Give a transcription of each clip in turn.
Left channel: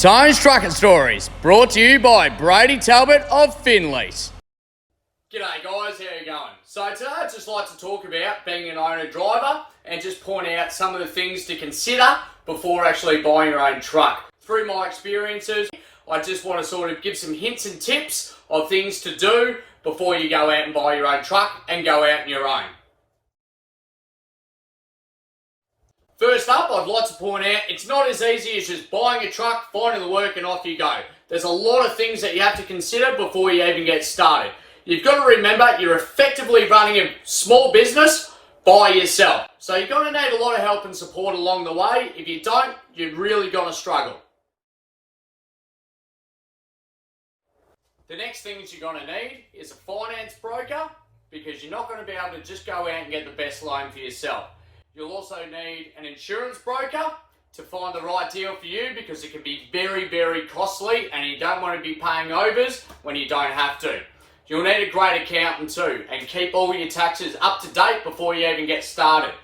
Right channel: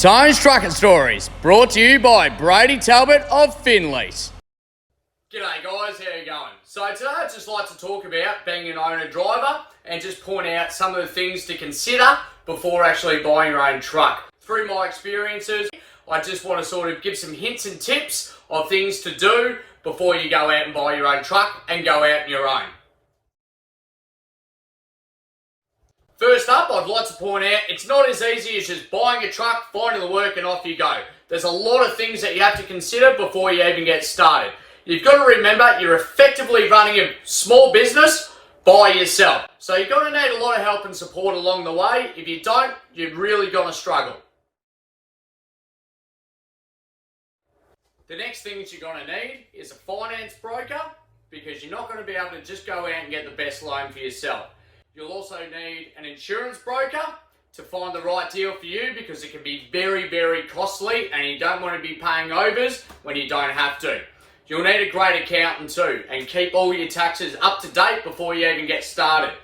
Tone's Truckin Stories, brought to you by Brady Talbot of Finleys. G'day guys, how you going? So today I'd just like to talk about being an owner-driver and just point out some of the things to consider before actually buying your own truck. Through my experiences, I just want to sort of give some hints and tips of things to do before you go out and buy your own truck and go out on your own. First up, I'd like to point out, it's not as easy as just buying a truck, finding the work and off you go. There's a lot of things that you have to consider before you even get started. You've got to remember you're effectively running a small business by yourself. So you're going to need a lot of help and support along the way. If you don't, you're really going to struggle. The next things you're going to need is a finance broker, because you're not going to be able to just go out and get the best loan for yourself. You'll also need an insurance broker to find the right deal for you, because it can be very, very costly and you don't want to be paying overs when you don't have to. You'll need a great accountant too, and keep all your taxes up to date before you even get started.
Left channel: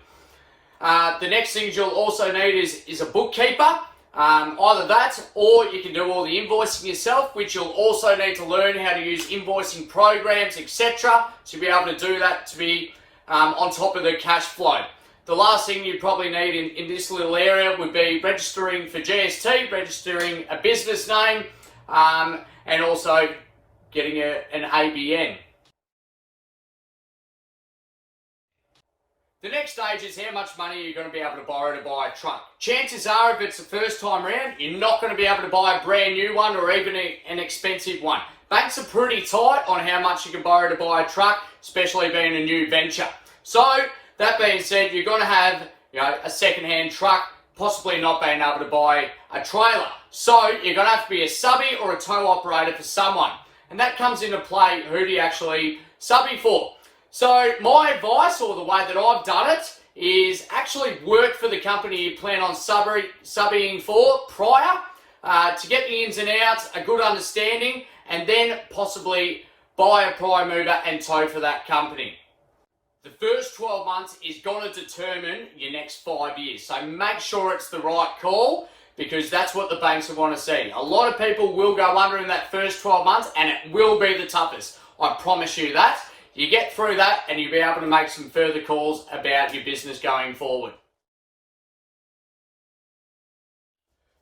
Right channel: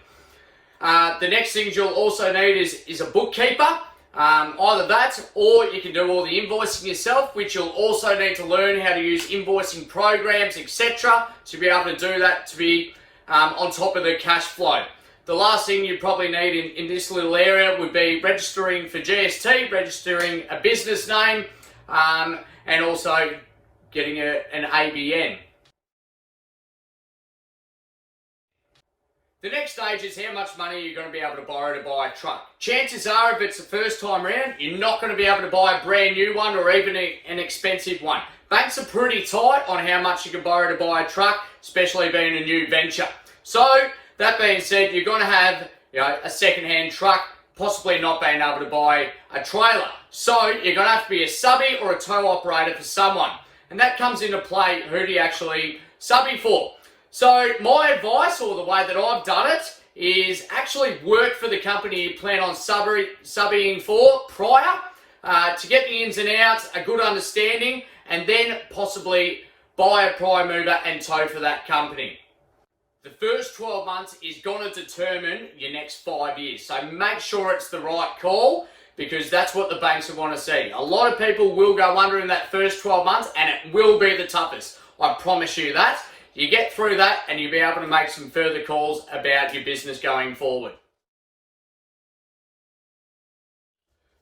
The next things you'll also need is a bookkeeper. Either that, or you can do all the invoicing yourself, which you'll also need to learn how to use invoicing programs, etc. to be able to do that, to be on top of the cash flow. The last thing you probably need in this little area would be registering for GST, registering a business name, and also getting an ABN. The next stage is how much money you're going to be able to borrow to buy a truck. Chances are, if it's the first time round, you're not going to be able to buy a brand new one or even an expensive one. Banks are pretty tight on how much you can borrow to buy a truck, especially being a new venture. So, that being said, you're going to have a second-hand truck, possibly not being able to buy a trailer. So you're going to have to be a subby or a tow operator for someone. And that comes into play, who do you actually subby for? So my advice, or the way that I've done it, is actually work for the company you plan on subbying for prior, to get the ins and outs, a good understanding, and then possibly buy a prime mover and tow for that company. The first 12 months is going to determine your next 5 years. So make sure it's the right call, because that's what the banks will want to see. A lot of people will go under in that first 12 months, and it will be the toughest. I promise you that. You get through that and you'll be able to make some further calls about your business going forward.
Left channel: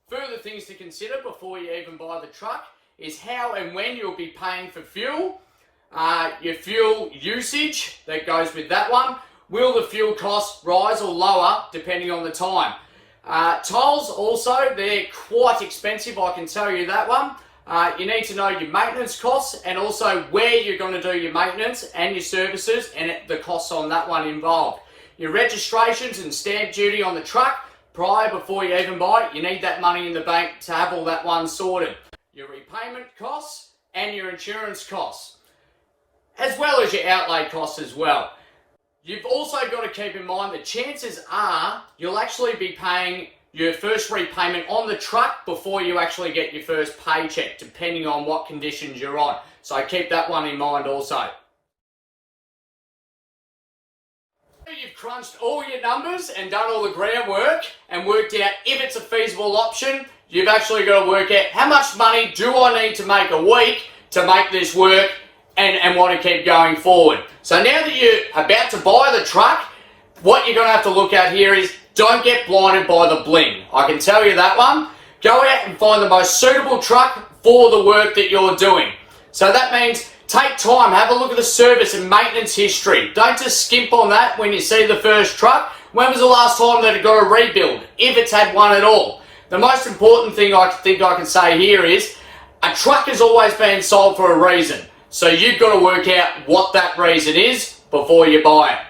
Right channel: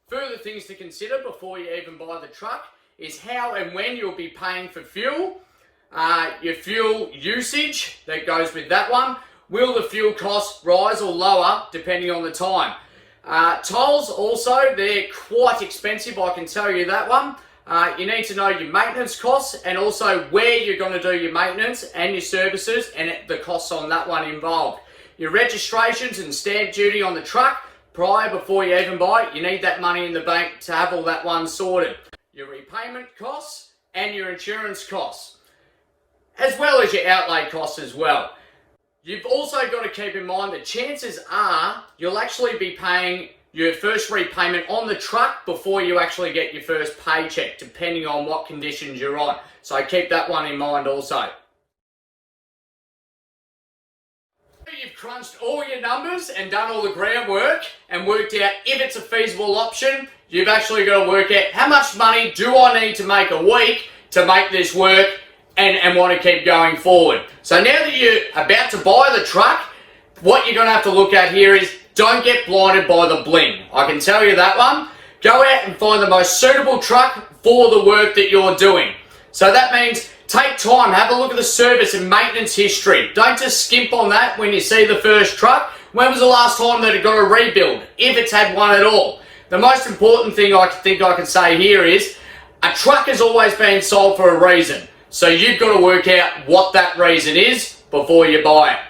Further things to consider before you even buy the truck is how and when you'll be paying for fuel. Your fuel usage that goes with that one. Will the fuel cost rise or lower depending on the time? Tolls also, they're quite expensive, I can tell you that one. You need to know your maintenance costs and also where you're going to do your maintenance and your services and the costs on that one involved. Your registrations and stamp duty on the truck before you even buy it, you need that money in the bank to have all that one sorted. Your repayment costs and your insurance costs, as well as your outlay costs as well. You've also got to keep in mind that chances are you'll actually be paying your first repayment on the truck before you actually get your first paycheck, depending on what conditions you're on. So keep that one in mind also. You've crunched all your numbers and done all the groundwork and worked out if it's a feasible option. You've actually got to work out how much money do I need to make a week to make this work and want to keep going forward. So now that you're about to buy the truck, what you're going to have to look at here is don't get blinded by the bling. I can tell you that one. Go out and find the most suitable truck for the work that you're doing. So that means take time, have a look at the service and maintenance history. Don't just skimp on that when you see the first truck. When was the last time that it got a rebuild, if it's had one at all? The most important thing I think I can say here is a truck has always been sold for a reason. So you've got to work out what that reason is before you buy it.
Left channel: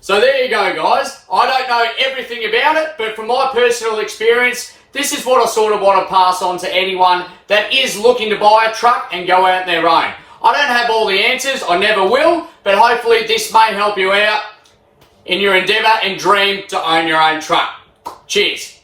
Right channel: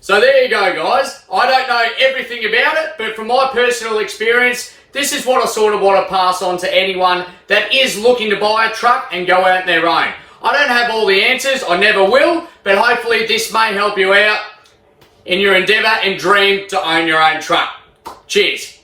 So there you go, guys. I don't know everything about it, but from my personal experience, this is what I sort of want to pass on to anyone that is looking to buy a truck and go out on their own. I don't have all the answers, I never will, but hopefully this may help you out in your endeavour and dream to own your own truck. Cheers.